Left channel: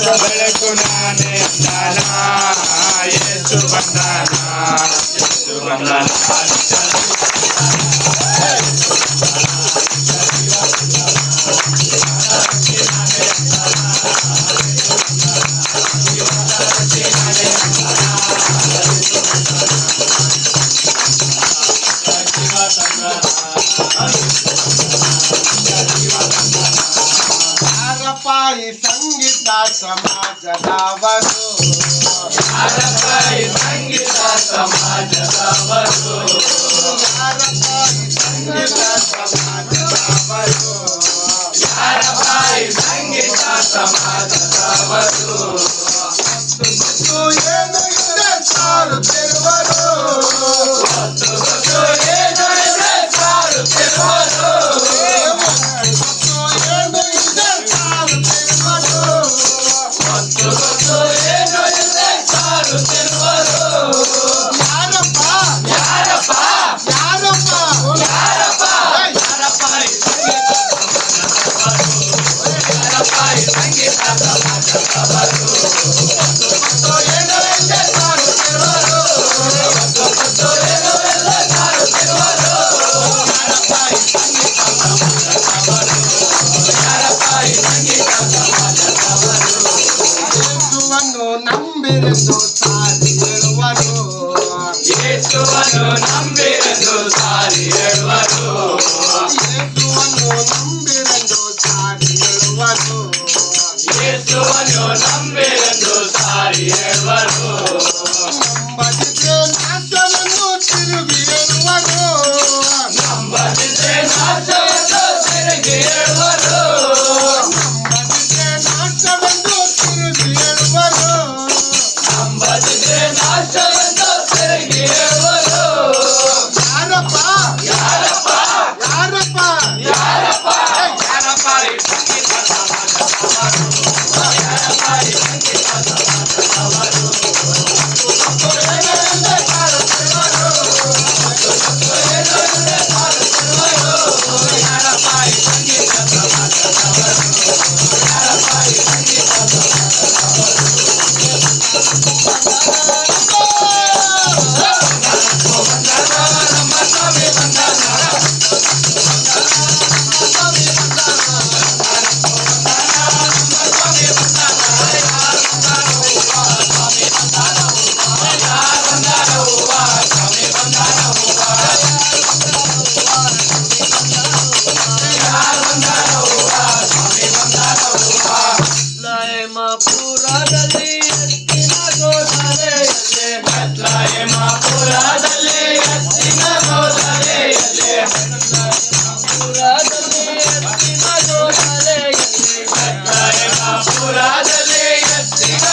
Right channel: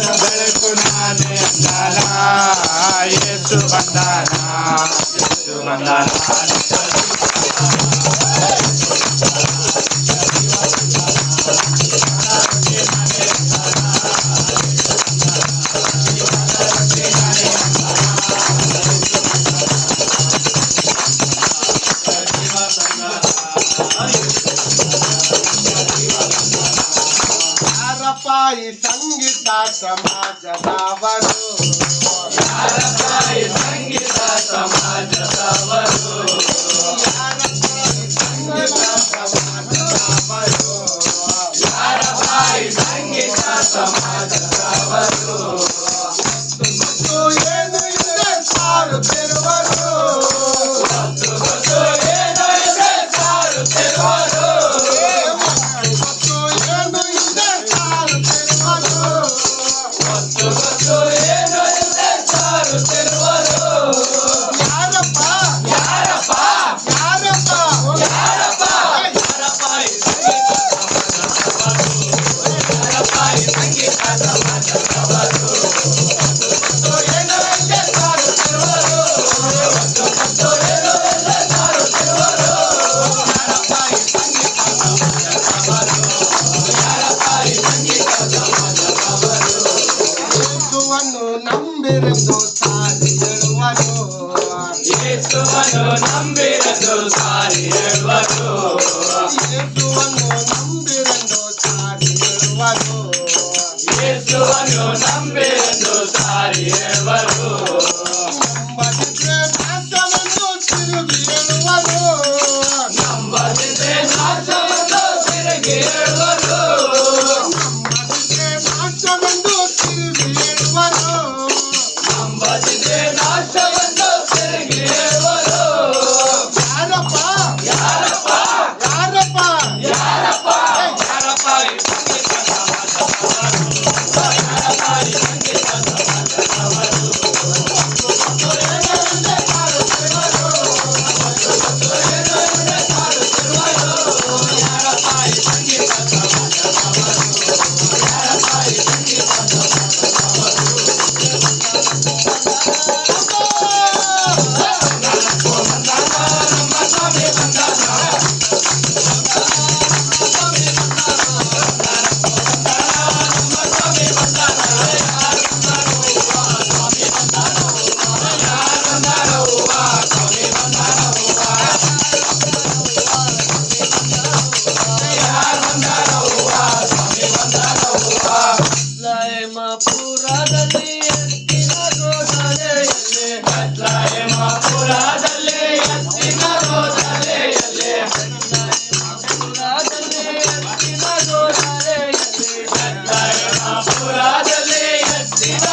ಬೆಳಕು ನಾನೇ ಅಂದಾನ ಯೇಸು ಬಂದಾನ ಯಾರಪ್ಪಾಯಿ ಸಂಗೀತ ಸಮಾಜದವರು ಯಾರಪ್ಪಾಯಿ ಸಂಗೀತ ಸಮಾಜದವರು ಯಾರಪ್ಪಾಯಿ ಸಂಗೀತ ಸಮಾಜದವರು ಯಾರಪ್ಪಾಯಿ ಸಂಗೀತ ಸಮಾಜದವರು ಏನು ಇದೆ ಸಾರುತ್ತಿರುವರು ಏನು ಇದೆ ಸಾರುತ್ತಿರುವರು ಏನು ಇದೆ ಸಾರುತ್ತಿರುವರು ಯಾರಪ್ಪ ಯಾರಪ್ಪ ಯಾರಪ್ಪ ಯಾರಪ್ಪ ಯಾರಪ್ಪಾಯಿ ಸಂಗೀತ ಸಮಾಜದವರು ಏನು ಇದೆ ಸಾರುತ್ತಿರುವರು ಏನು ಇದೆ ಸಾರುತ್ತಿರುವರು ಯಾರಪ್ಪಾಯಿ ಸಂಗೀತ ಸಮಾಜದವರು ಯಾರಪ್ಪಾಯಿ ಸಂಗೀತ ಸಮಾಜದವರು ಯೇಸುವನ್ನು ನಂಬಿರೆಂದು ಸಾರಿ ಹೇಳುವರು ಯೇಸುವನ್ನು ನಂಬಿರೆಂದು ಸಾರಿ ಹೇಳುವರು ಯೇಸುವನ್ನು ನಂಬಿರೆಂದು ಸಾರಿ ಹೇಳುವರು ಯೇಸುವನ್ನು ನಂಬಿರೆಂದು ಸಾರಿ ಹೇಳುವರು ನಂಬದಿದ್ರೆ ನಾಶವೆಂದು ತಿರುಗಿ ಹೇಳುವರು ನಂಬದಿದ್ರೆ ನಾಶವೆಂದು ತಿರುಗಿ ಹೇಳುವರು ನಂಬದಿದ್ರೆ ನಾಶವೆಂದು ತಿರುಗಿ ಹೇಳುವರು ನಂಬದಿದ್ರೆ ನಾಶವೆಂದು ತಿರುಗಿ ಹೇಳುವರು ಯಾರಪ್ಪ ಯಾರಪ್ಪ ಯಾರಪ್ಪ ಯಾರಪ್ಪ ಯಾರಪ್ಪಾಯಿ ಸಂಗೀತ ಸಮಾಜದವರು ಯಾರಪ್ಪಾಯಿ ಸಂಗೀತ ಸಮಾಜದವರು ಏನು ಇದೆ ಸಾರುತ್ತಿರುವರು ಏನು ಇದೆ ಸಾರುತ್ತಿರುವರು ಯಾರಪ್ಪಾಯಿ ಸಂಗೀತ ಸಮಾಜದವರು ಯಾರಪ್ಪಾಯಿ ಸಂಗೀತ ಪುರದಲ್ಲಿ ಎತ್ತಿನ ರೋದಲೆಯಲ್ಲಿ ಪುರದಲ್ಲಿ ಎತ್ತಿನ